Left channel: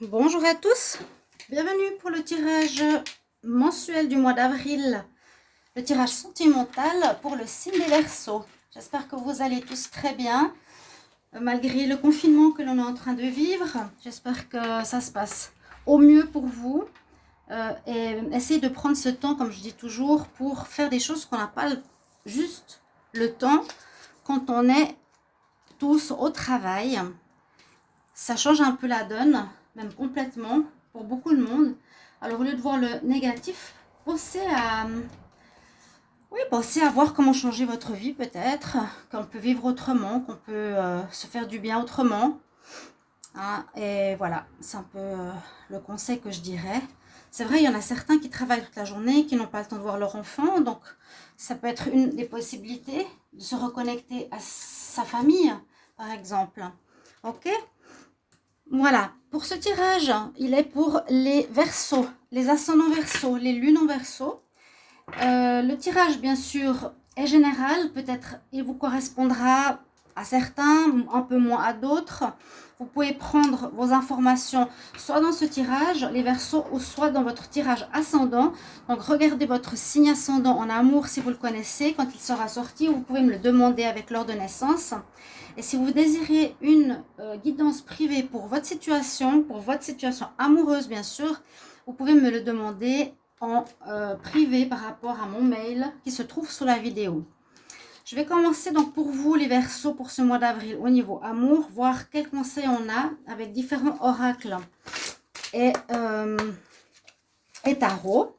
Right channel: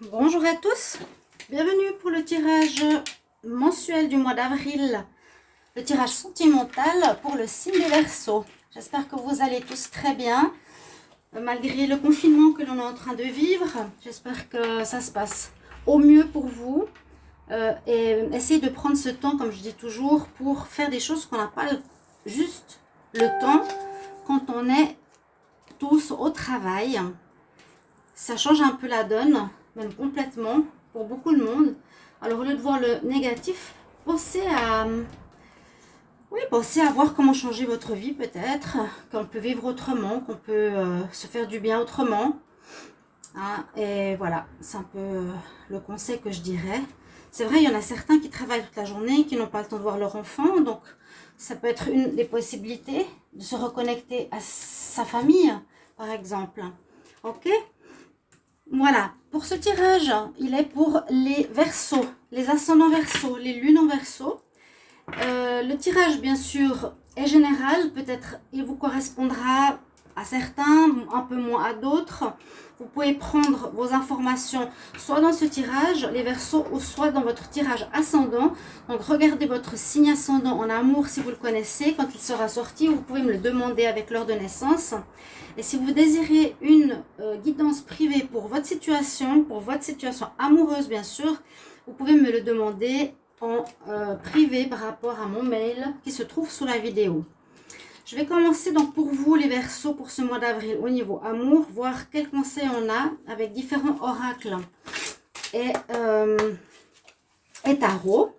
Bonjour à tous, bienvenue pour le tirage mensuel du mois d'avril, le tirage sentimental pour le signe des Verseaux. J'espère que vous allez tous très bien, malgré le confinement que l'on est en train de vivre. J'espère que ça se passe au mieux pour vous et essayez de prendre ce temps, comme je dis toujours, pour faire des choses qu'on n'a pas juste le temps quand on est tous au travail. Ça change un peu la donne, même complètement, pour beaucoup de monde. Alors, au lieu de voir le négatif, pensez à voir comment changer votre vie peut-être, qu'on peut vivre autrement, qu'on peut se faire du bien autrement. Hein, et voilà, c'est un peu le conseil que je dirais. C'est vrai, il y en a certains qui travaillent toute la journée, qui n'ont pas le temps de voir leur enfant, donc ça peut être une des possibilités de se reconnecter à sa famille, par exemple. Ok ? Voilà, pour ce tirage, il est pour les Verseaux, les ascendants Verseaux, les lunes en Verseau. Le tirage, bien sûr, est général. Peut-être il vous correspondra à certains, un peu moins à d'autres. Vous pouvez prendre vos informations soit dans ce tirage, les Verseaux, ou soit dans votre tirage ascendant. Donc, regardez votre signe ascendant en amour si vous le connaissez, quand il sera sorti, ou vous pouvez me le demander avec l'heure de naissance. Et si vous désirez une guidance privée pour votre situation amoureuse, bien sûr, vous pouvez me le demander en privé par rapport à mon mail qui se trouve sous la vidéo. Je vais commencer donc pour vous les Verseaux pour ce mois d'avril au niveau amour, voir quels conseils on a avec différents oracles et tarot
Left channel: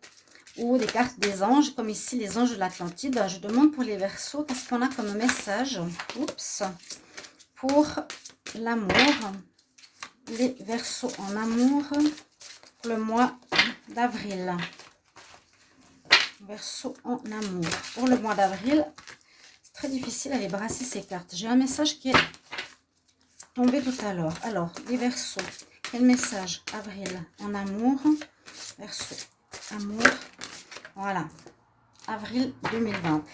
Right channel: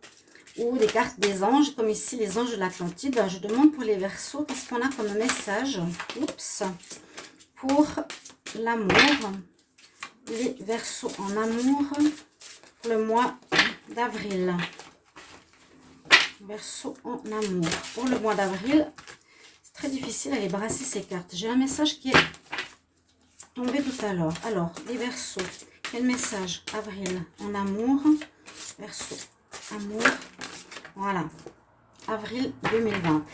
ou des cartes des anges, comme ici les anges de l'Atlantide. Je demande pour les Verseaux, qu'est-ce qu'on a comme message? Oups, pour l'amour, les Verseaux en amour pour le mois d'avril. Verseau en amour. Pour le mois d'avril, c'est très difficile à les brasser ces cartes. J'ai un message qui est tombé tout à l'heure. Alors, les Verseaux, quel message? Avril en amour. Verseau, amour. Voilà. Avril 2020.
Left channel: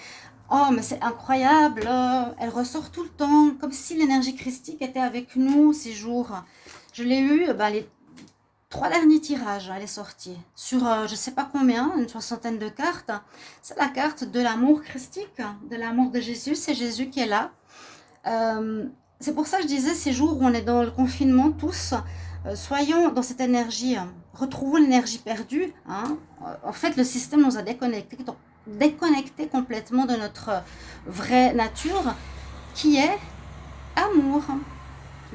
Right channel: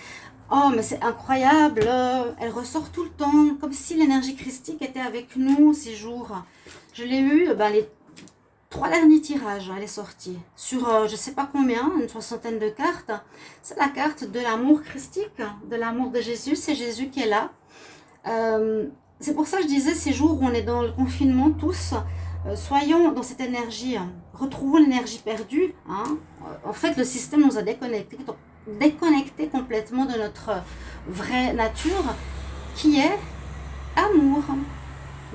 Oh, mais c'est incroyable. Elle ressort tout le temps, comme si l'énergie christique était avec nous ces jours. Je l'ai eu, les 3 derniers tirages, elle est sortie sur je ne sais pas combien, une soixantaine de cartes. C'est la carte de l'amour christique, de l'amour de Jésus. C'est Jésus qui est là. C'est pour ça que je disais, ces jours où on est dans le confinement, tous, soyons dans cette énergie, retrouvons l'énergie perdue. Hein. En fait, le système nous a déconnectés complètement de notre vraie nature, qui est amour.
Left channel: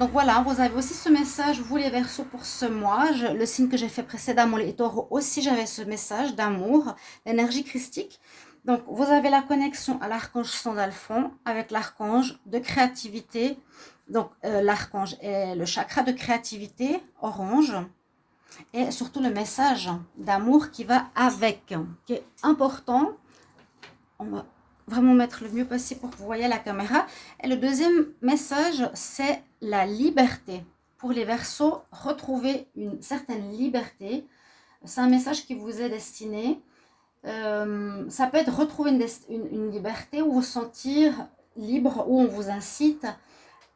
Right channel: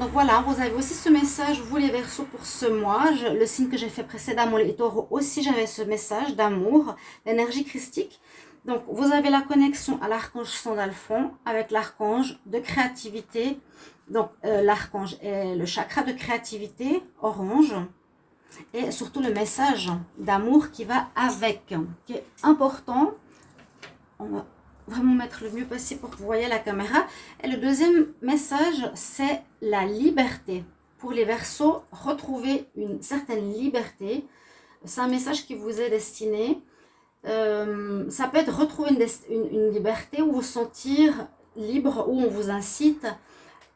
Donc voilà, vous avez aussi ce message, vous les Verseaux, pour ce mois. Le signe que j'ai fait précédemment, les Taureaux, aussi j'avais ce message d'amour, l'énergie christique. Donc vous avez la connexion à l'archange Sandalphon avec l'archange de créativité. Donc l'archange est le chakra de créativité, orange. Et surtout le message d'amour qui va avec, qui est important. On va vraiment mettre le mieux possible pour que vous voyez la caméra. Et le deuxième message, c'est la liberté. Pour les Verseaux, retrouver une certaine liberté. C'est un message qui vous est destiné. Ça peut être retrouver une liberté ou vous sentir libre, où on vous incite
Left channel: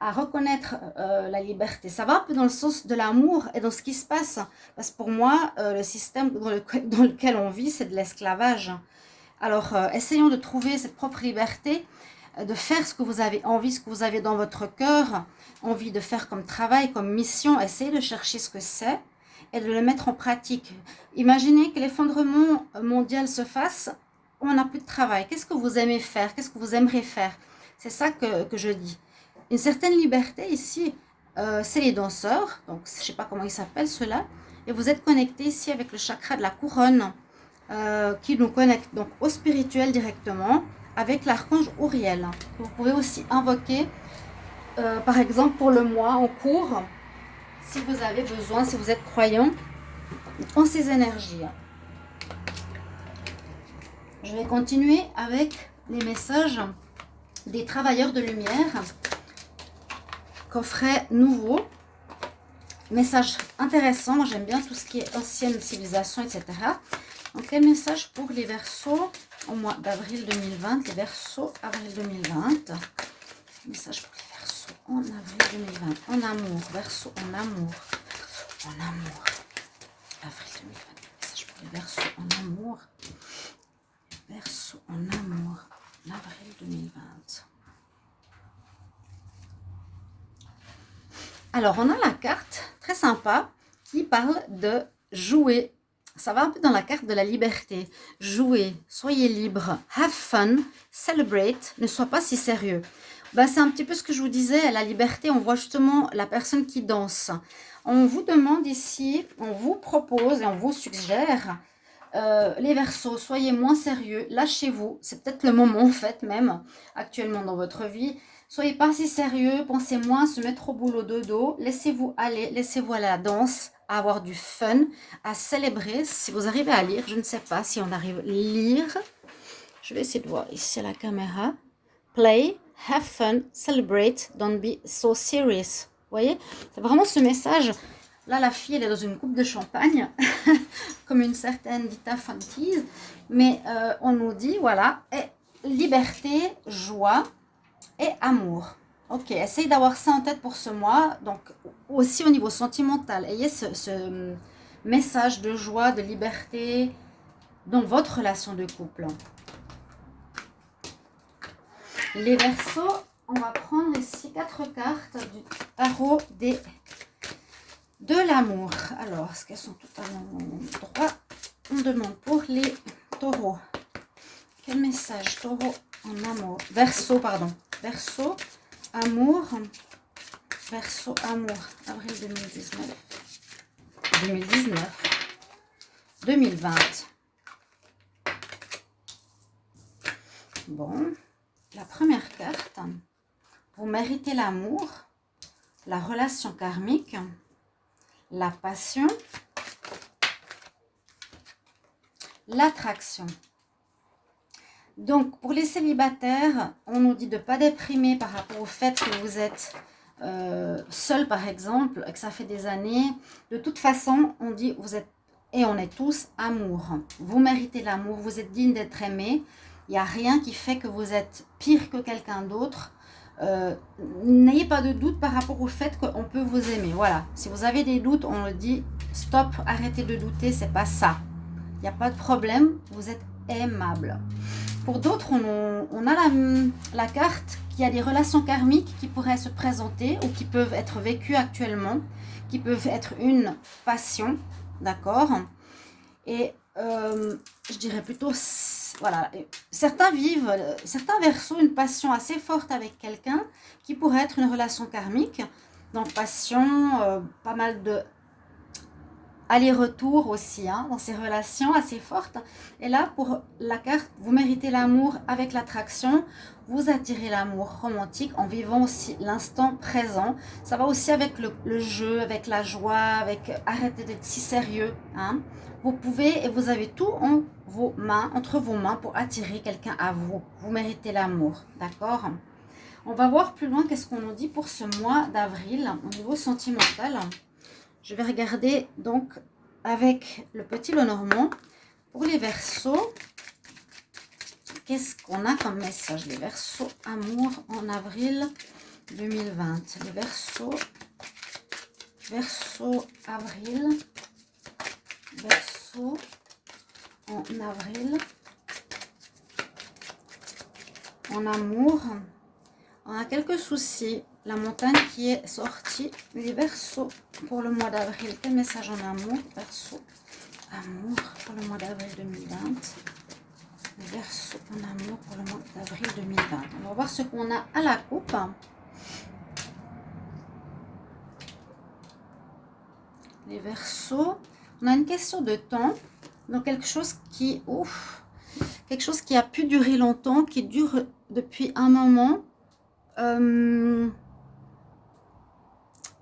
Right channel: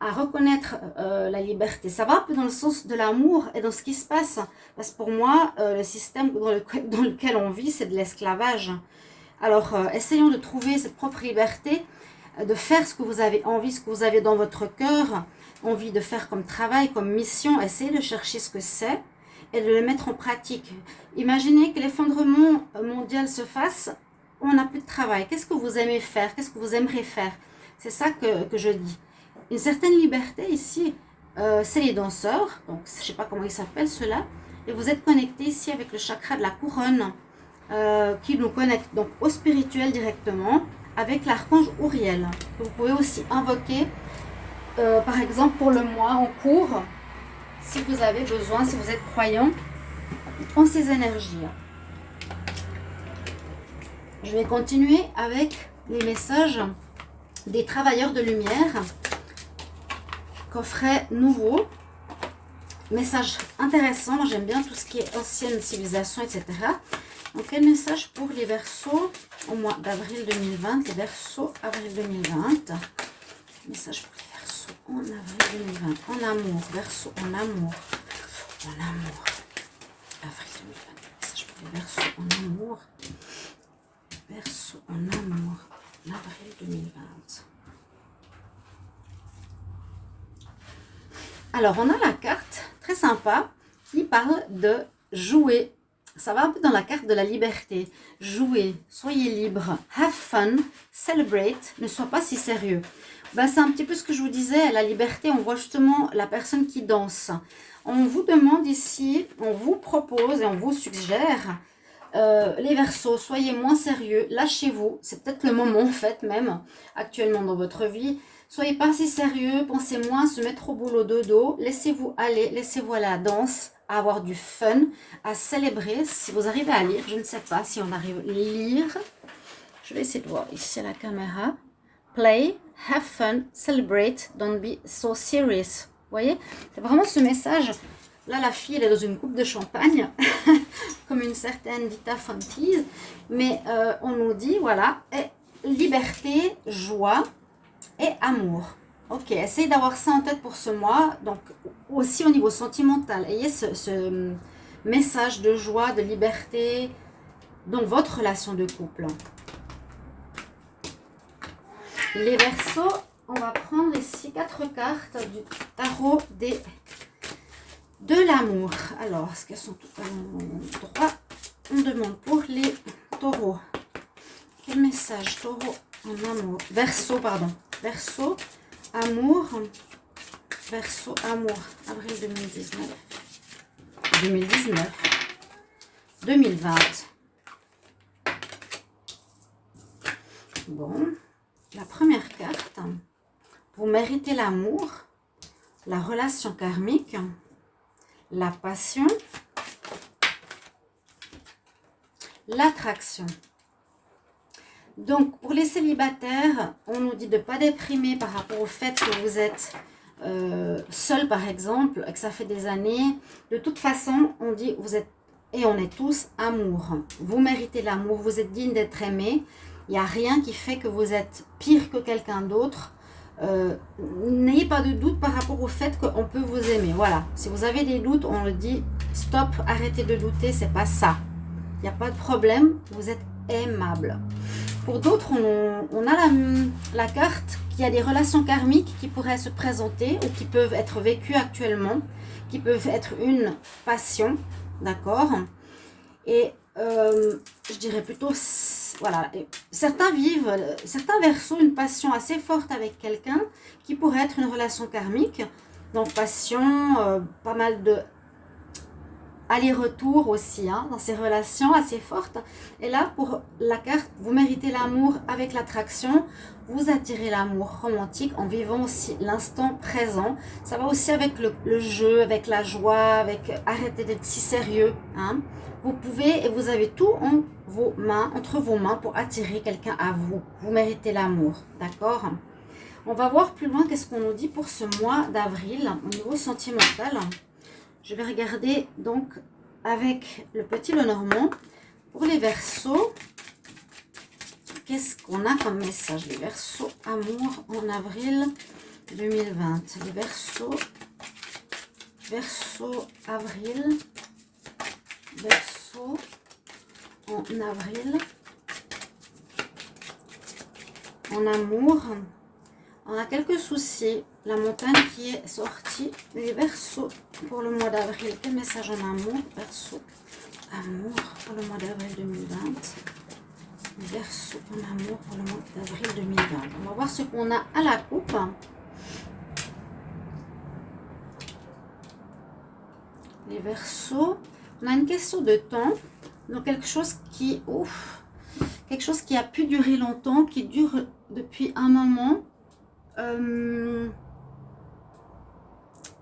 à reconnaître la liberté. Ça va un peu dans le sens de l'amour et dans ce qui se passe. Parce que pour moi, le système dans lequel on vit, c'est de l'esclavage. Alors, essayons de trouver cette propre liberté, de faire ce que vous avez envie, ce que vous avez dans votre cœur, envie de faire comme travail, comme mission. Essayez de chercher ce que c'est et de le mettre en pratique. Imaginez que l'effondrement mondial se fasse, on n'a plus de travail. Qu'est-ce que vous aimez faire? Qu'est-ce que vous aimeriez faire? C'est ça que je dis. Une certaine liberté ici, c'est les danseurs. Donc, je ne sais pas comment ils s'appellent ceux-là. Et vous êtes connectés ici avec le chakra de la couronne. Qui nous connecte donc au spirituel directement avec l'archange Uriel. Vous pouvez aussi invoquer, par exemple pour le mois en cours, si vous avez besoin, si vous êtes croyant en ces énergies. Je vais continuer avec les messages des travailleurs de lumière, coffret nouveau. Message intéressant, moi j'aime bien tout ce qui est ancienne civilisation, etc. Donc, les messages pour les Verseaux au mois d'avril 2020. Les Verseaux, avril 2020. Message pour les Verseaux en avril 2020. En amour. Verseaux en amour. en amour. Avril 2022. Message pour les Verseaux en amour. Verseaux en amour. Avril 2020. Alors, on a la carte très sympa qui parle de jouer. Ça va un peu dans la carte de la liberté. Jouer, soyez libre, have fun, celebrate, ne sois pas si sérieux. Ben, c'est un petit peu ce que je vous disais, la liberté, on voit justement la personne qui danse. On vous demande ici, on vous propose et on vous suggère, les Verseaux, soyez moins sérieux, lâchez-vous. C'est peut-être le moment en fait même, actuellement dans votre vie. Soyez pas si sérieux, pensez moins à se mettre au boulot dodo, laissez-vous aller, laissez-vous à la danse, à avoir du fun, à célébrer. Si vous arrivez à lire, je ne sais pas si on arrive à lire. Je vais essayer de voir ici à la caméra. Play, have fun, celebrate, don't be so serious. Vous voyez, c'est vraiment ce message. Là, la fille, elle est dans une coupe de champagne, comme une certaine Vita Fontise. Mais on nous dit, voilà, liberté, joie et amour. Ok, essayez d'avoir ça en tête pour ce mois. Donc, aussi au niveau sentimental, ayez ce message de joie, de liberté dans votre relation de couple. Les Verseaux, on va prendre ici 4 cartes du tarot de l'amour. Alors, est-ce qu'elles sont toutes à l'endroit? On demande pour les taureaux. Quel message? Taureau en amour. Verseau, pardon. Verseau, amour. Verseau, amour. Avril 2019. 2019. 2020. Bon. La première carte. Vous méritez l'amour, la relation karmique, la passion, l'attraction. Donc, pour les célibataires, on nous dit de ne pas déprimer par rapport au fait que vous êtes seul, par exemple, et que ça fait des années. De toute façon, on dit, vous êtes, et on est tous, amour. Vous méritez l'amour, vous êtes digne d'être aimé. Il n'y a rien qui fait que vous êtes pire que quelqu'un d'autre. N'ayez pas de doute par rapport au fait qu'on peut vous aimer. Voilà, si vous avez des doutes, on le dit, stop, arrêtez de douter, c'est pas ça. Il n'y a pas de problème, vous êtes aimable. Pour d'autres, on a la carte qui a des relations karmiques qui pourraient se présenter ou qui peuvent être vécues actuellement, qui peuvent être une passion, d'accord? Et je dirais plutôt, voilà, certains Verseaux une passion assez forte avec quelqu'un qui pourrait être une relation karmique. Donc passion, pas mal de aller-retour aussi hein, dans ces relations assez fortes. Et là, pour la carte, vous méritez l'amour avec l'attraction. Vous attirez l'amour romantique en vivant aussi l'instant présent. Ça va aussi avec le jeu, avec la joie, avec arrêtez d'être si sérieux. Hein. Vous pouvez et vous avez tout en vos mains, entre vos mains pour attirer quelqu'un à vous. Vous méritez l'amour, d'accord? On va voir plus loin qu'est-ce qu'on nous dit pour ce mois d'avril au niveau sentimental. Je vais regarder donc avec le petit Lenormand pour les Verseaux. Qu'est-ce qu'on a comme message? Les Verseaux amour en avril 2020. Les Verseaux avril. Verseaux en avril. En amour. On a quelques soucis. La montagne qui est sortie. Les Verseaux pour le mois d'avril. Quel message en amour? Verseaux amour pour le mois d'avril 2020. Les Verseaux en amour pour le mois d'avril 2020. On va voir ce qu'on a à la coupe. Les Verseaux. On a une question de temps. Donc quelque chose qui... quelque chose qui a pu durer longtemps, qui dure depuis un moment.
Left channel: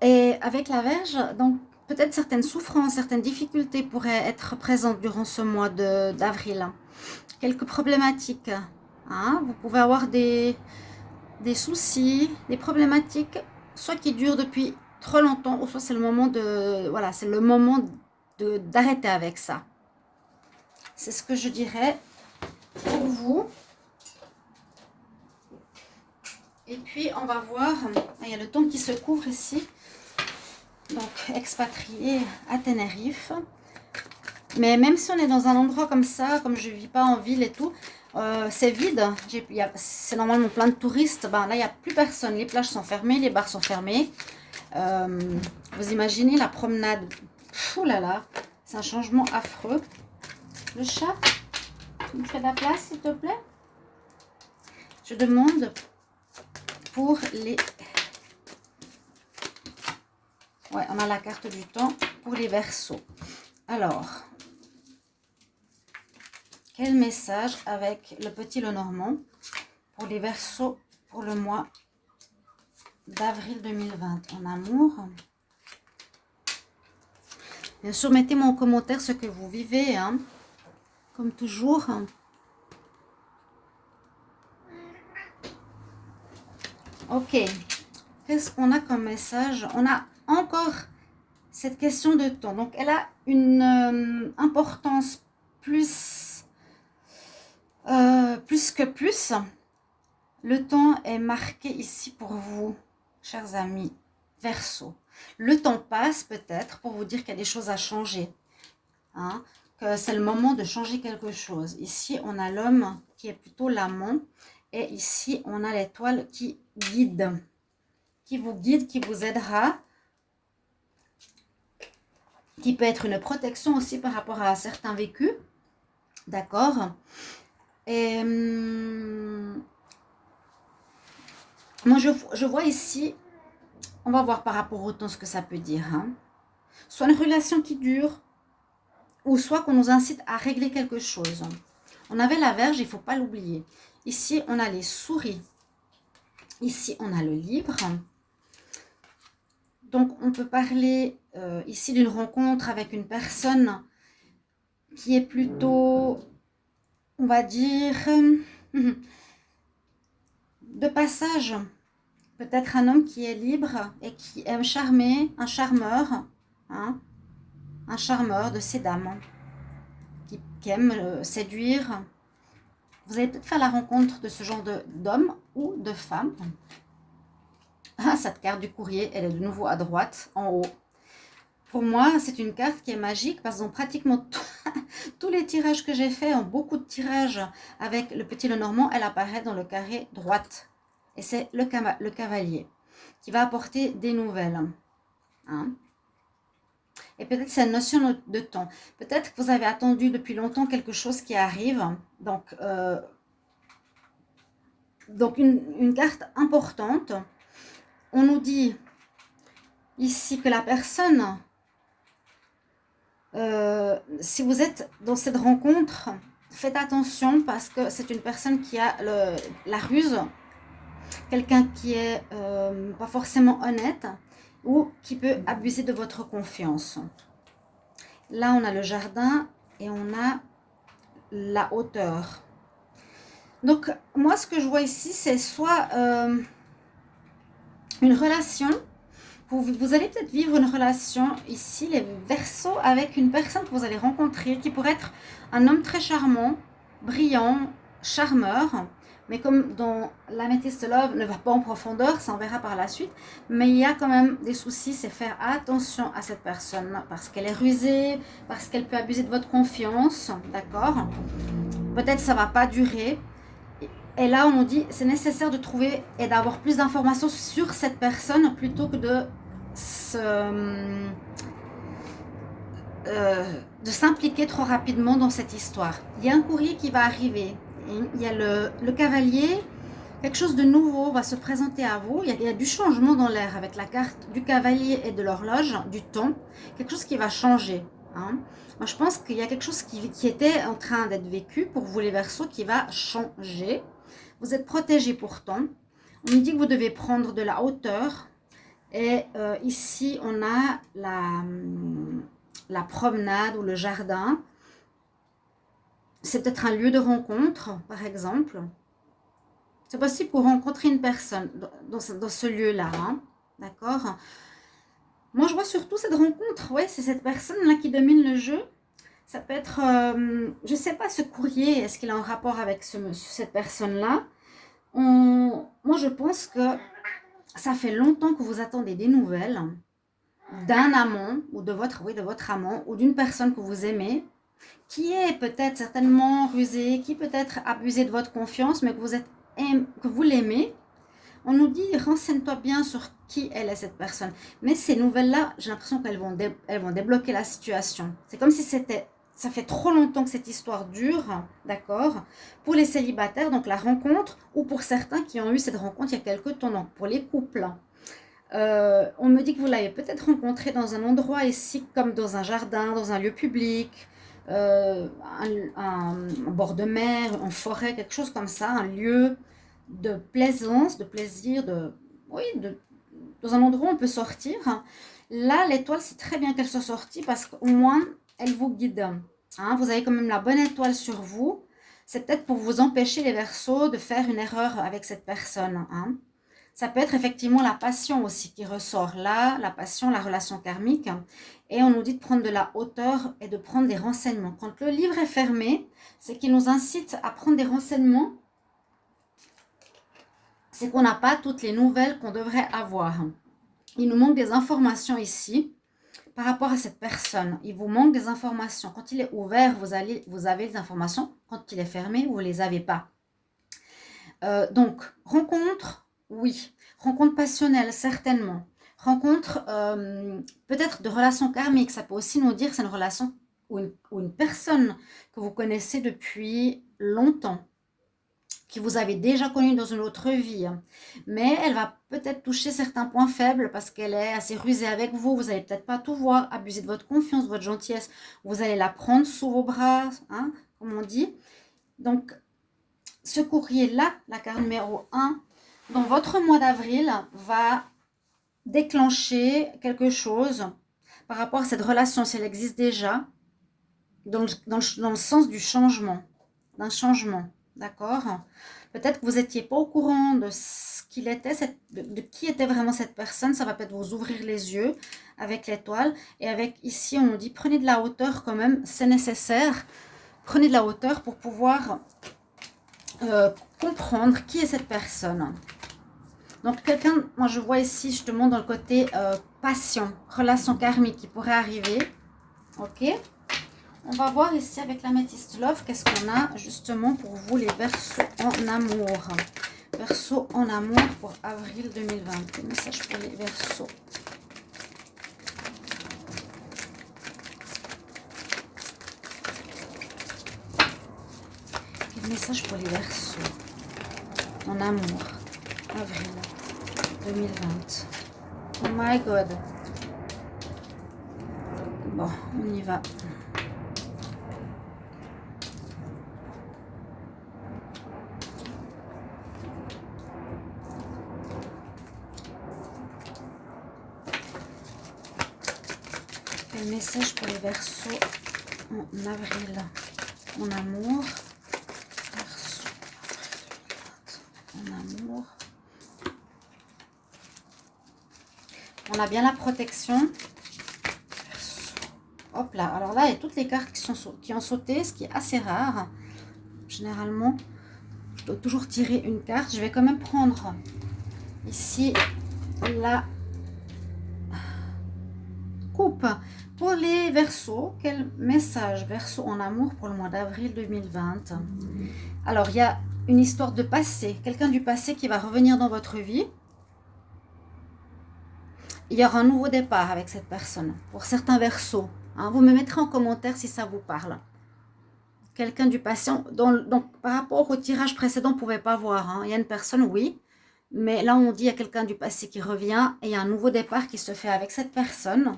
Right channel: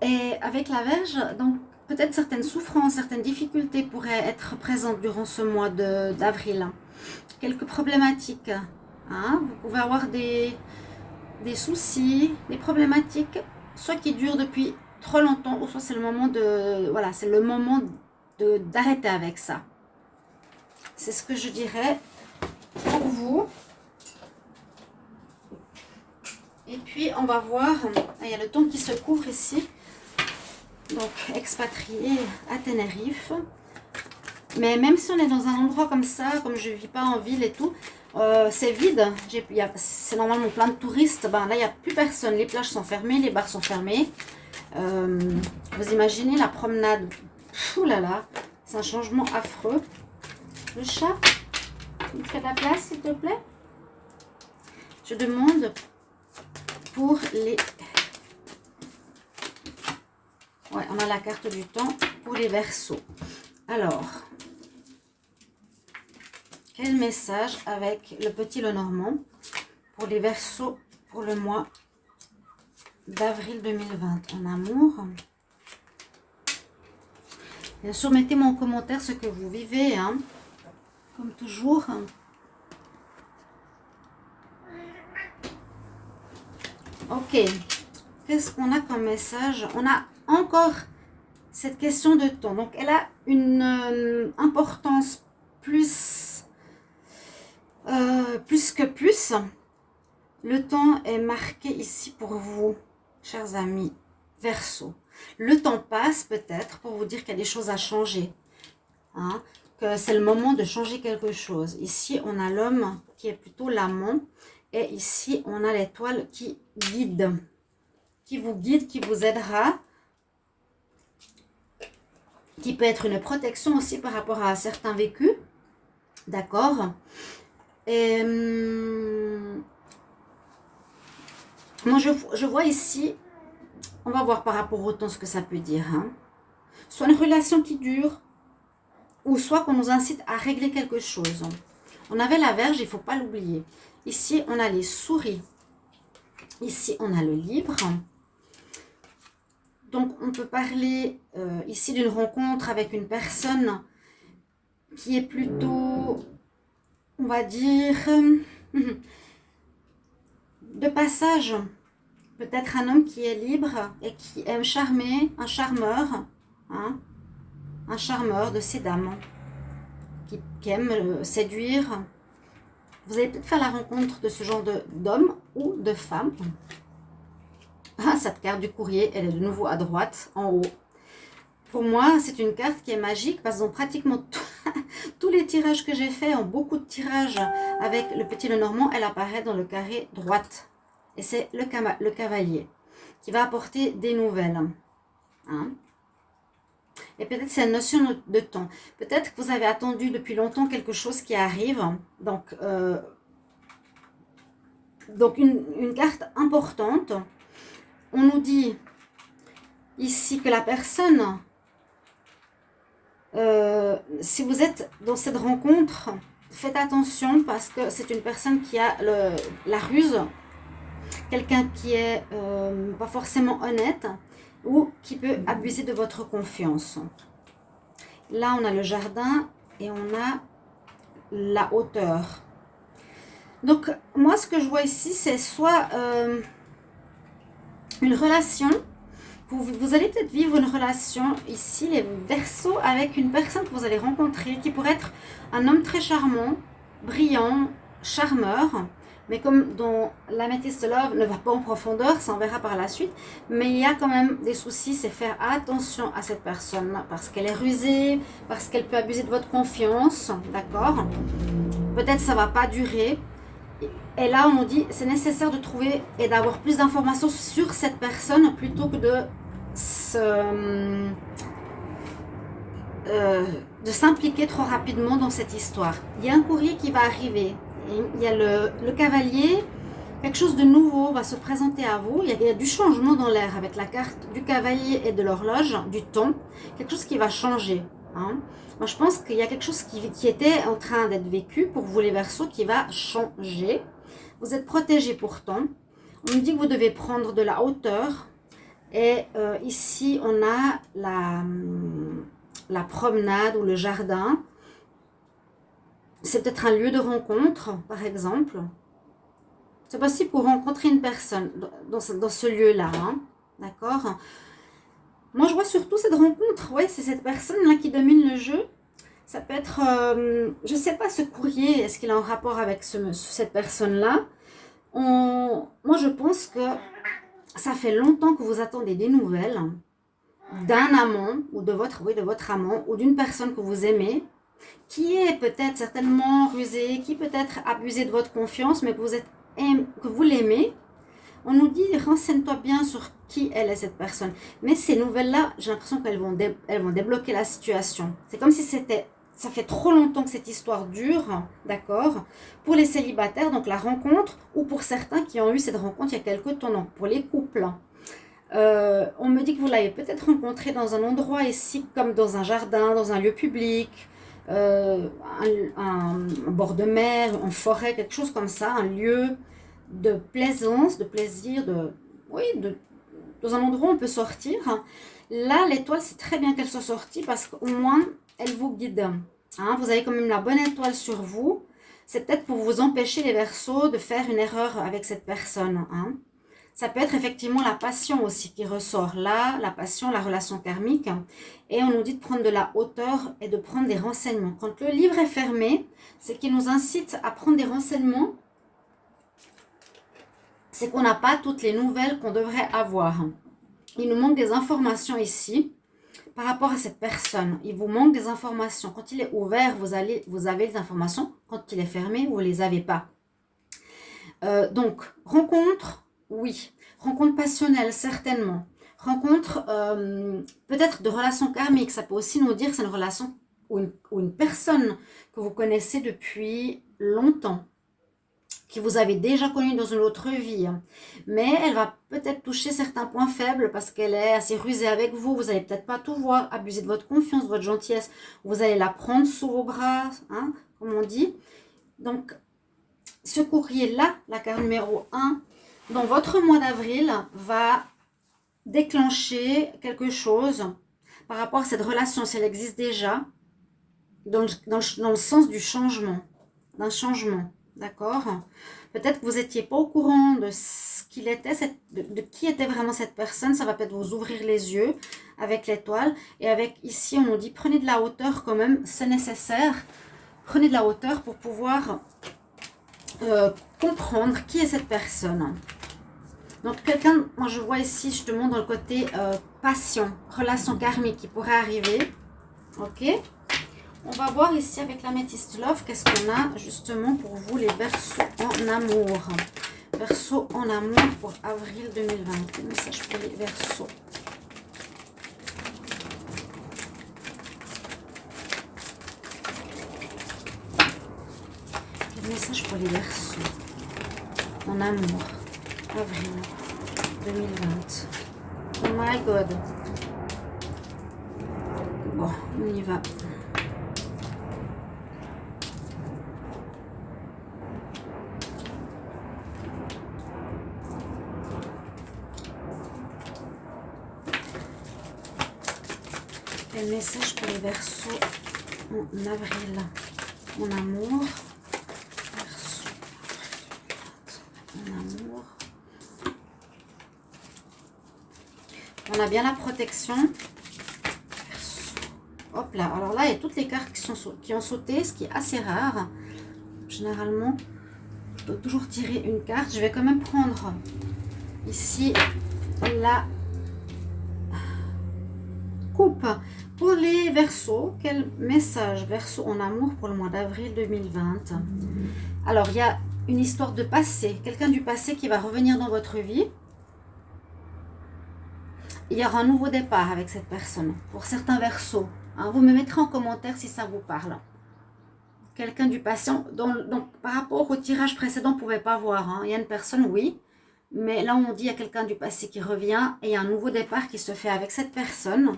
Et avec la Vierge, donc peut-être certaines souffrances, certaines difficultés pourraient être présentes durant ce mois d'avril. Quelques problématiques. Hein? Vous pouvez avoir des soucis, des problématiques, soit qui durent depuis trop longtemps, ou soit c'est le moment de... Voilà, c'est le moment d'arrêter avec ça. C'est ce que je dirais pour vous. Et puis, on va voir, il y a le temps qui se couvre ici. Donc, expatrié à Tenerife. Mais même si on est dans un endroit comme ça, comme je ne vis pas en ville et tout, c'est vide. C'est normalement plein de touristes. Ben, là, il n'y a plus personne. Les plages sont fermées, les bars sont fermés. Vous imaginez la promenade. Ouh là là, c'est un changement affreux. Le chat, tu me fais de la place, s'il te plaît? Je demande pour les... Ouais, on a la carte du temps pour les Verseaux. Alors, quel message avec le petit Lenormand pour les Verseaux pour le mois d'avril 2020 en amour? Bien sûr, mettez-moi en commentaire ce que vous vivez, hein, comme toujours. Ok, qu'est-ce qu'on a comme message? On a encore cette question de temps. Donc, elle a une importance plus que plus. Le temps est marqué ici pour vous, chers amis Verseau. Le temps passe peut-être pour vous dire qu'il y a des choses à changer. Hein, que c'est le moment de changer quelque chose. Ici, on a l'homme qui est plutôt l'amant. Et ici, on a l'étoile qui guide. Qui vous guide, qui vous aidera. Qui peut être une protection aussi par rapport à certains vécus. D'accord? Et moi, je vois ici, on va voir par rapport au temps ce que ça peut dire. Hein. Soit une relation qui dure, ou soit qu'on nous incite à régler quelque chose. On avait la Vierge, il ne faut pas l'oublier. Ici, on a les souris. Ici, on a le livre. Donc, on peut parler ici d'une rencontre avec une personne qui est plutôt, on va dire, de passage. Peut-être un homme qui est libre et qui aime charmer, un charmeur, hein, un charmeur de ces dames, qui aime séduire. Vous allez peut-être faire la rencontre de ce genre d'homme ou de femme. Ah, cette carte du courrier, elle est de nouveau à droite, en haut. Pour moi, c'est une carte qui est magique parce que dans pratiquement tous les tirages que j'ai faits, en beaucoup de tirages avec le petit Lenormand, elle apparaît dans le carré droite. Et c'est le cavalier qui va apporter des nouvelles. Hein? Et peut-être c'est une notion de temps. Peut-être que vous avez attendu depuis longtemps quelque chose qui arrive. Donc une carte importante. On nous dit ici que la personne, si vous êtes dans cette rencontre, faites attention parce que c'est une personne qui a la ruse, quelqu'un qui est pas forcément honnête ou qui peut abuser de votre confiance. Là, on a le jardin et on a la hauteur. Donc, moi, ce que je vois ici, c'est soit une relation. Vous allez peut-être vivre une relation ici, les Verseaux, avec une personne que vous allez rencontrer, qui pourrait être un homme très charmant, brillant, charmeur. Mais comme dans l'Amethyst Love ne va pas en profondeur, ça on verra par la suite. Mais il y a quand même des soucis, c'est faire attention à cette personne parce qu'elle est rusée, parce qu'elle peut abuser de votre confiance, d'accord? Peut-être ça ne va pas durer. Et là, on nous dit c'est nécessaire de trouver et d'avoir plus d'informations sur cette personne plutôt que de s'impliquer trop rapidement dans cette histoire. Il y a un courrier qui va arriver. Il y a le cavalier, quelque chose de nouveau va se présenter à vous. Il y a du changement dans l'air avec la carte du cavalier et de l'horloge, du temps. Quelque chose qui va changer. Hein. Moi, je pense qu'il y a quelque chose qui était en train d'être vécu pour vous les Verseaux qui va changer. Vous êtes protégés pourtant. On nous dit que vous devez prendre de la hauteur. Et ici, on a la promenade ou le jardin. C'est peut-être un lieu de rencontre, par exemple. C'est possible pour rencontrer une personne dans ce lieu-là. Hein, d'accord? Moi, je vois surtout cette rencontre. Ouais, c'est cette personne-là qui domine le jeu. Ça peut être, je ne sais pas, ce courrier, est-ce qu'il a un rapport avec cette personne-là? Moi, je pense que ça fait longtemps que vous attendez des nouvelles. d'un amant ou de votre amant ou d'une personne que vous aimez qui est peut-être certainement rusé, qui peut-être abusé de votre confiance, mais que vous l'aimez. On nous dit, renseigne-toi bien sur qui elle est cette personne. Mais ces nouvelles-là, j'ai l'impression elles vont débloquer la situation. C'est comme si ça fait trop longtemps que cette histoire dure, d'accord? Pour les célibataires, donc la rencontre, ou pour certains qui ont eu cette rencontre il y a quelques temps, donc pour les couples. On me dit que vous l'avez peut-être rencontré dans un endroit ici, comme dans un jardin, dans un lieu public, un bord de mer, en forêt, quelque chose comme ça, un lieu de plaisance, de plaisir, dans un endroit où on peut sortir. Là, l'étoile, c'est très bien qu'elle soit sortie parce qu'au moins, elle vous guide. Hein, vous avez quand même la bonne étoile sur vous. C'est peut-être pour vous empêcher, les Verseaux, de faire une erreur avec cette personne. Hein. Ça peut être effectivement la passion aussi qui ressort là, la passion, la relation karmique. Et on nous dit de prendre de la hauteur et de prendre des renseignements. Quand le livre est fermé, c'est qu'il nous incite à prendre des renseignements. C'est qu'on n'a pas toutes les nouvelles qu'on devrait avoir. Il nous manque des informations ici par rapport à cette personne. Il vous manque des informations. Quand il est ouvert, vous avez des informations. Quand il est fermé, vous ne les avez pas. Donc, rencontre, oui. Rencontre passionnelle, certainement. Rencontre peut-être de relations karmiques. Ça peut aussi nous dire que c'est une relation ou une personne que vous connaissez depuis longtemps, que vous avez déjà connue dans une autre vie. Mais elle va peut-être toucher certains points faibles parce qu'elle est assez rusée avec vous. Vous n'allez peut-être pas tout voir, abuser de votre confiance, de votre gentillesse. Vous allez la prendre sous vos bras, hein, comme on dit. Donc, ce courrier-là, la carte numéro 1, dans votre mois d'avril, va déclencher quelque chose par rapport à cette relation, si elle existe déjà, dans le sens du changement, d'un changement, d'accord? Peut-être que vous n'étiez pas au courant de ce qu'il était, de qui était vraiment cette personne. Ça va peut-être vous ouvrir les yeux avec l'étoile. Et avec ici, on nous dit, prenez de la hauteur quand même, c'est nécessaire. Prenez de la hauteur pour pouvoir comprendre qui est cette personne. Donc quelqu'un, moi je vois ici, je te montre dans le côté passion, relation karmique qui pourrait arriver. Ok. On va voir ici avec l'améthyste love, qu'est-ce qu'on a justement pour vous les Verseaux en amour. Verseaux en amour pour avril 2020. Quel message pour les Verseaux? Quel message pour les Verseaux en amour, avril 2020. Oh my god. Bon, on y va. Quel message pour les Verseaux en avril en amour? Verseaux en amour. On a bien la protection. Hop là. Alors là, il y a toutes les cartes qui ont sauté, ce qui est assez rare. Généralement, je dois toujours tirer une carte. Je vais quand même prendre ici la coupe. Pour les Verseaux, quel message Verseau en amour pour le mois d'avril 2020? Alors, il y a une histoire de passé. Quelqu'un du passé qui va revenir dans votre vie. Il y aura un nouveau départ avec cette personne. Pour certains Verseaux. Hein, vous me mettrez en commentaire si ça vous parle. Quelqu'un du passé. Donc, par rapport au tirage précédent, on ne pouvait pas voir. Hein. Il y a une personne, oui. Mais là, on dit qu'il y a quelqu'un du passé qui revient. Et il y a un nouveau départ qui se fait avec cette personne.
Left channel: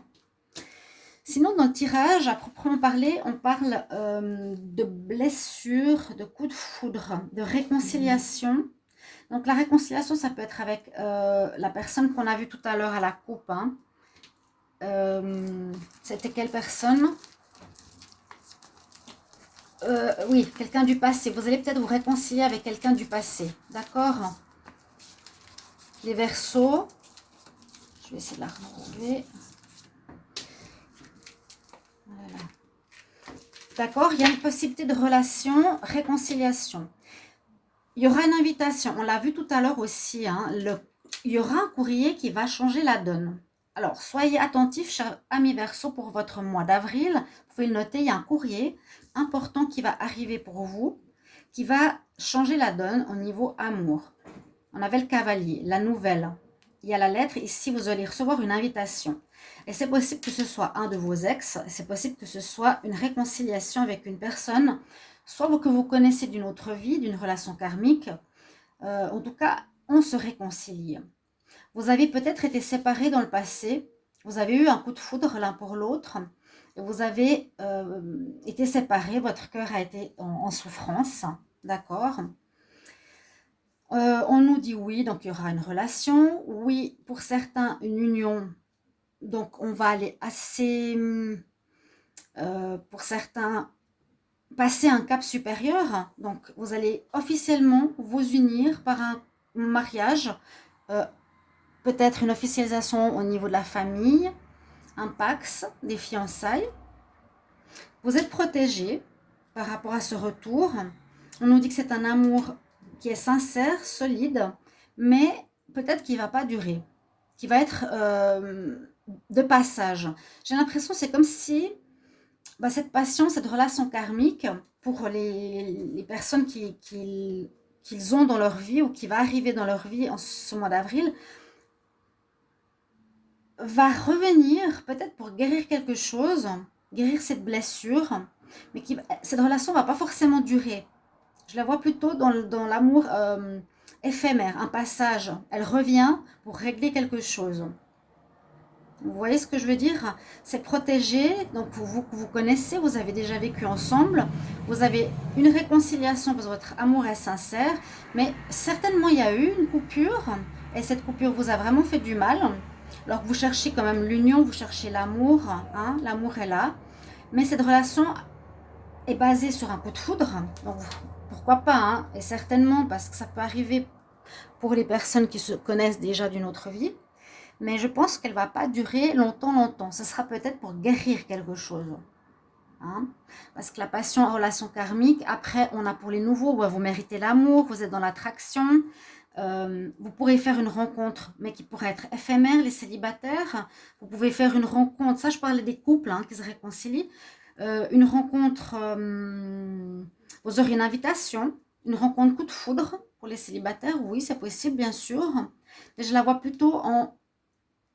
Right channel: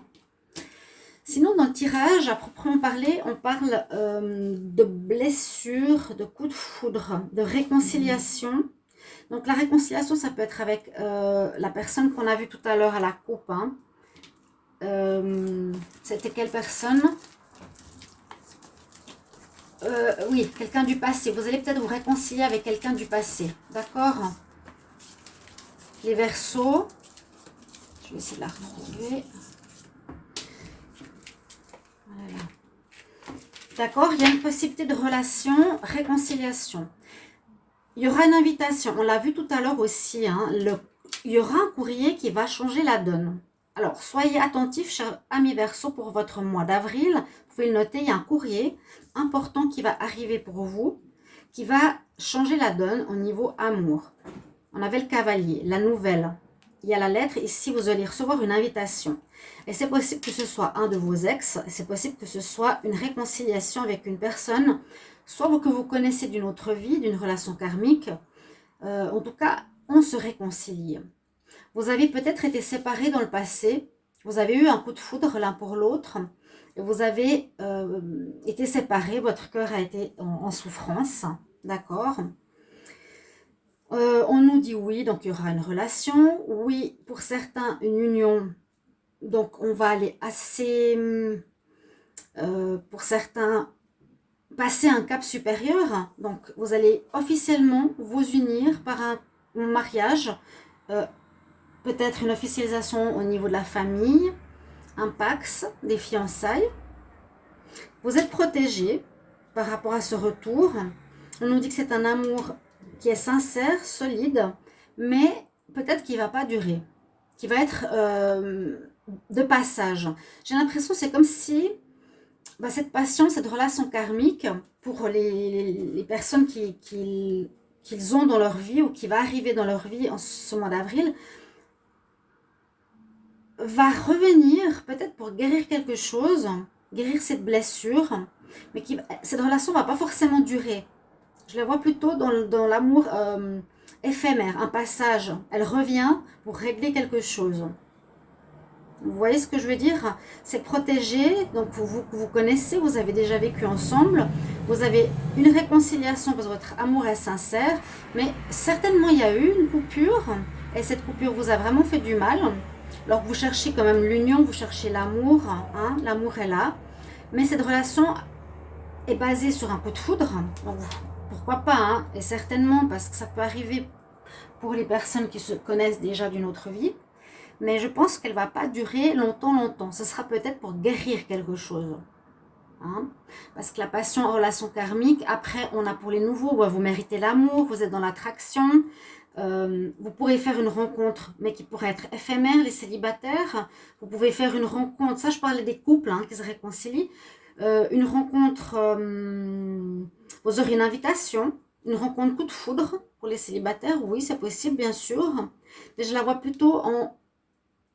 Sinon, dans le tirage, à proprement parler, on parle de blessures, de coups de foudre, de réconciliation. Donc, la réconciliation, ça peut être avec la personne qu'on a vue tout à l'heure à la coupe. Hein. C'était quelle personne? Oui, quelqu'un du passé. Vous allez peut-être vous réconcilier avec quelqu'un du passé. D'accord? Les Verseaux. Je vais essayer de la retrouver. Voilà. D'accord? Il y a une possibilité de relation, réconciliation. Il y aura une invitation. On l'a vu tout à l'heure aussi. Hein, il y aura un courrier qui va changer la donne. Alors, soyez attentifs, chers amis Verseau, pour votre mois d'avril. Vous pouvez le noter, il y a un courrier important qui va arriver pour vous, qui va changer la donne au niveau amour. On avait le cavalier, la nouvelle. Il y a la lettre. Ici, vous allez recevoir une invitation. Et c'est possible que ce soit un de vos ex. C'est possible que ce soit une réconciliation avec une personne, soit que vous connaissez d'une autre vie, d'une relation karmique. En tout cas, on se réconcilie. Vous avez peut-être été séparés dans le passé. Vous avez eu un coup de foudre l'un pour l'autre. Et vous avez été séparés. Votre cœur a été en souffrance. D'accord ? On nous dit oui, donc il y aura une relation. Oui, pour certains, une union. Donc, on va aller assez, pour certains, passer un cap supérieur. Donc, vous allez officiellement vous unir par un mariage, peut-être une officialisation au niveau de la famille, un pax, des fiançailles. Vous êtes protégé par rapport à ce retour. On nous dit que c'est un amour qui est sincère, solide, mais peut-être qu'il ne va pas durer, qui va être de passage. J'ai l'impression que c'est comme si cette passion, cette relation karmique, pour les personnes qu'ils ont dans leur vie ou qui va arriver dans leur vie en ce mois d'avril, va revenir peut-être pour guérir quelque chose, guérir cette blessure, mais cette relation ne va pas forcément durer. Je la vois plutôt dans l'amour éphémère, un passage. Elle revient pour régler quelque chose. Vous voyez ce que je veux dire? C'est protégé, donc vous connaissez, vous avez déjà vécu ensemble, vous avez une réconciliation parce que votre amour est sincère, mais certainement il y a eu une coupure, et cette coupure vous a vraiment fait du mal. Alors vous cherchez quand même l'union, vous cherchez l'amour, hein, l'amour est là, mais cette relation est basée sur un coup de foudre, donc pourquoi pas, hein, et certainement parce que ça peut arriver pour les personnes qui se connaissent déjà d'une autre vie, mais je pense qu'elle ne va pas durer longtemps. Ce sera peut-être pour guérir quelque chose. Hein, parce que la passion en relation karmique, après on a pour les nouveaux, vous méritez l'amour, vous êtes dans l'attraction, vous pourrez faire une rencontre, mais qui pourrait être éphémère, les célibataires. Vous pouvez faire une rencontre, ça je parlais des couples hein, qui se réconcilient, une rencontre, vous aurez une invitation, une rencontre coup de foudre pour les célibataires, oui c'est possible bien sûr, mais je la vois plutôt en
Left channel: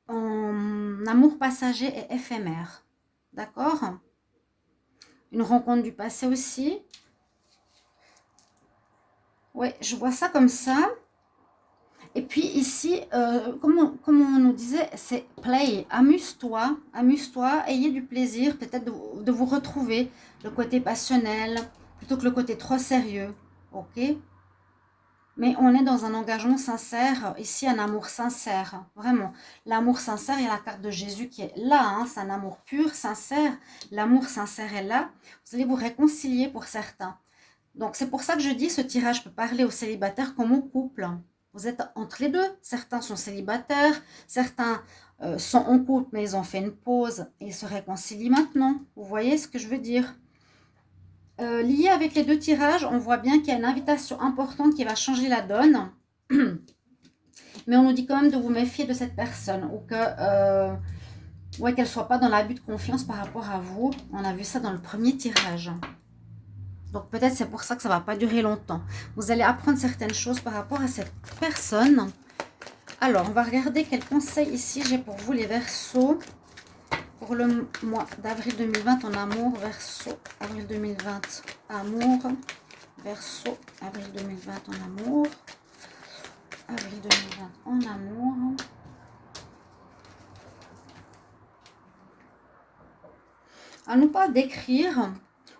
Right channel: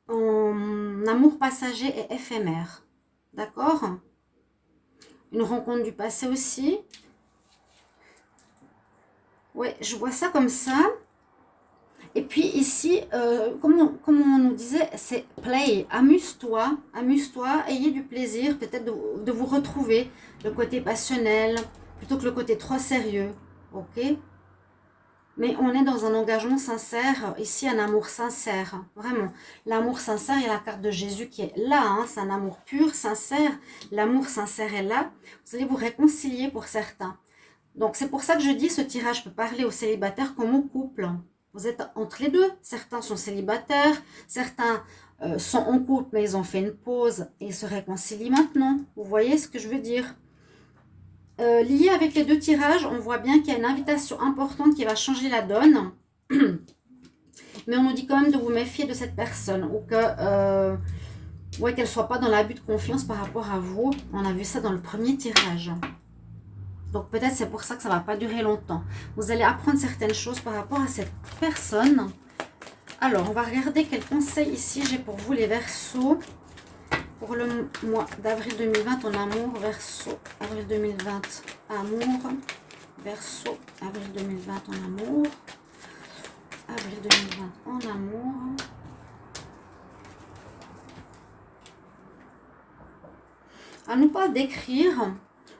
amour passager et éphémère, d'accord? Une rencontre du passé aussi. Ouais, je vois ça comme ça. Et puis ici, comme on nous disait, c'est play, amuse-toi, ayez du plaisir, peut-être de vous retrouver, le côté passionnel, plutôt que le côté trop sérieux, ok? Mais on est dans un engagement sincère, ici un amour sincère, vraiment. L'amour sincère, il y a la carte de Jésus qui est là, hein, c'est un amour pur, sincère. L'amour sincère est là, vous allez vous réconcilier pour certains. Donc c'est pour ça que je dis, ce tirage peut parler aux célibataires comme aux couples. Vous êtes entre les deux, certains sont célibataires, certains sont en couple, mais ils ont fait une pause et se réconcilient maintenant. Vous voyez ce que je veux dire? Lié avec les deux tirages, on voit bien qu'il y a une invitation importante qui va changer la donne. Mais on nous dit quand même de vous méfier de cette personne ou que ouais, qu'elle ne soit pas dans l'abus de confiance par rapport à vous. On a vu ça dans le premier tirage. Donc peut-être c'est pour ça que ça ne va pas durer longtemps. Vous allez apprendre certaines choses par rapport à cette personne. Alors, on va regarder quels conseils ici j'ai pour vous les Verseaux. Pour le mois d'avril 2020 en amour, Verseau, avril 2020, amour, Verseau, avril 2020 en amour, avril 2020 en amour. On nous parle d'écrire,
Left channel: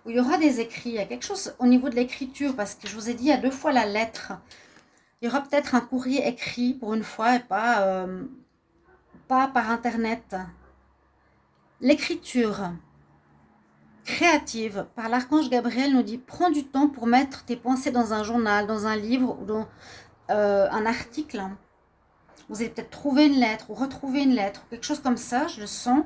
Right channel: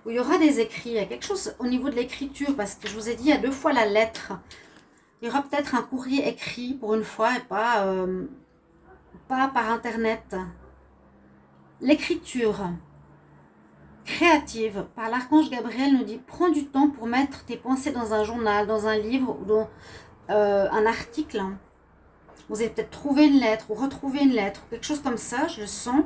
où il y aura des écrits, il y a quelque chose au niveau de l'écriture, parce que je vous ai dit, il y a 2 fois la lettre. Il y aura peut-être un courrier écrit pour une fois et pas par internet. L'écriture créative par l'archange Gabriel nous dit prends du temps pour mettre tes pensées dans un journal, dans un livre ou dans un article. Vous allez peut-être trouver une lettre ou retrouver une lettre, quelque chose comme ça, je le sens.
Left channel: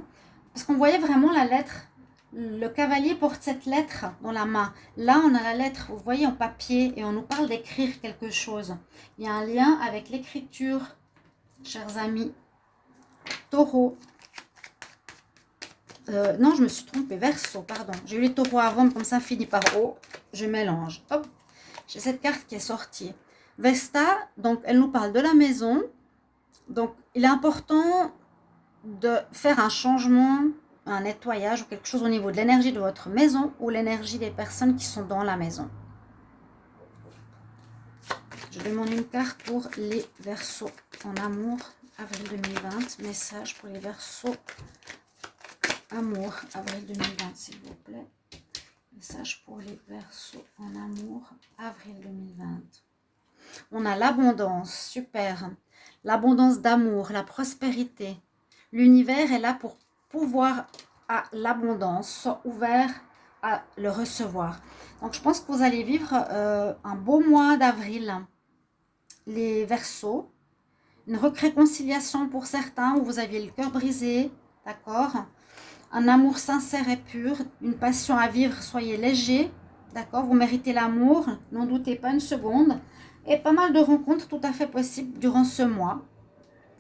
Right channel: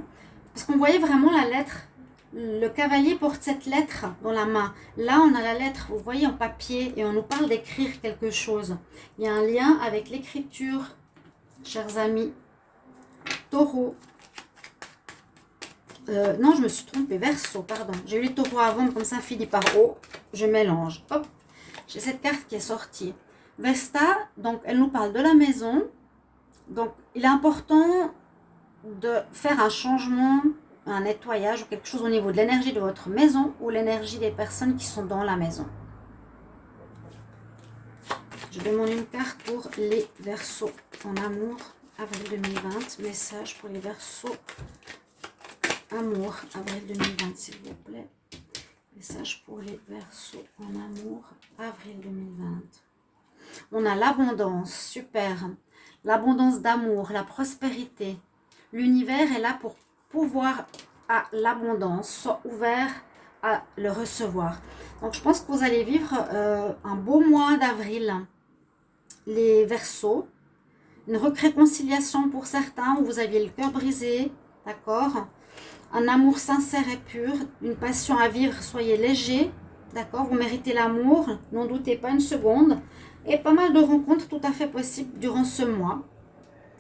Parce qu'on voyait vraiment la lettre. Le cavalier porte cette lettre dans la main. Là, on a la lettre, vous voyez, en papier et on nous parle d'écrire quelque chose. Il y a un lien avec l'écriture, chers amis. taureaux. Non, je me suis trompée. Verseau, pardon. J'ai eu les taureaux avant, mais comme ça finit par O. Je mélange. Hop. J'ai cette carte qui est sortie. Vesta, donc elle nous parle de la maison. Donc, il est important de faire un changement, un nettoyage ou quelque chose au niveau de l'énergie de votre maison ou l'énergie des personnes qui sont dans la maison. Je demande une carte pour les Verseaux en amour, avril 2020. Message pour les Verseaux, amour, avril 2020, s'il vous plaît. Message pour les Verseaux en amour, avril 2020. On a l'abondance, super. L'abondance d'amour, la prospérité. L'univers est là pour pouvoir à l'abondance, soit ouvert à le recevoir. Donc, je pense que vous allez vivre un beau mois d'avril. Les Verseaux, une réconciliation pour certains où vous aviez le cœur brisé, d'accord? Un amour sincère et pur, une passion à vivre, soyez léger, d'accord? Vous méritez l'amour, n'en doutez pas une seconde. Et pas mal de rencontres tout à fait possibles durant ce mois.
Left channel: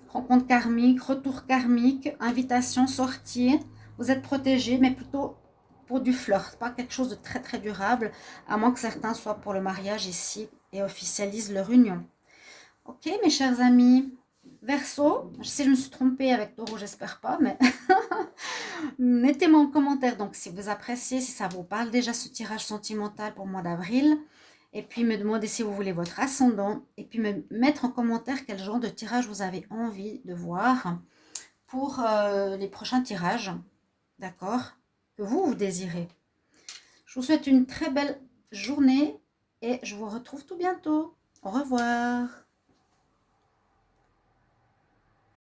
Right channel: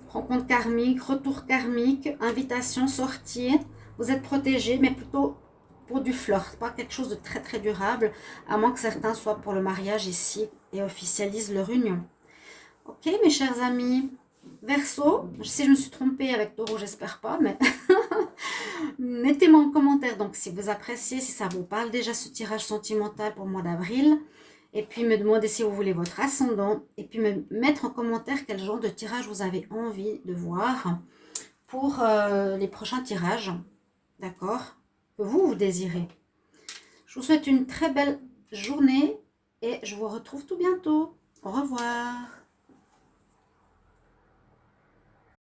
Rencontres karmiques, retour karmique, invitation, sortie. Vous êtes protégés, mais plutôt pour du flirt, pas quelque chose de très très durable, à moins que certains soient pour le mariage ici et officialisent leur union. Ok, mes chers amis, Verseau, si je me suis trompée avec Taureau, j'espère pas, mais mettez-moi en commentaire donc si vous appréciez, si ça vous parle déjà ce tirage sentimental pour le mois d'avril. Et puis me demander si vous voulez votre ascendant. Et puis me mettre en commentaire quel genre de tirage vous avez envie de voir pour les prochains tirages. D'accord? Que vous désirez. Je vous souhaite une très belle journée et je vous retrouve tout bientôt. Au revoir.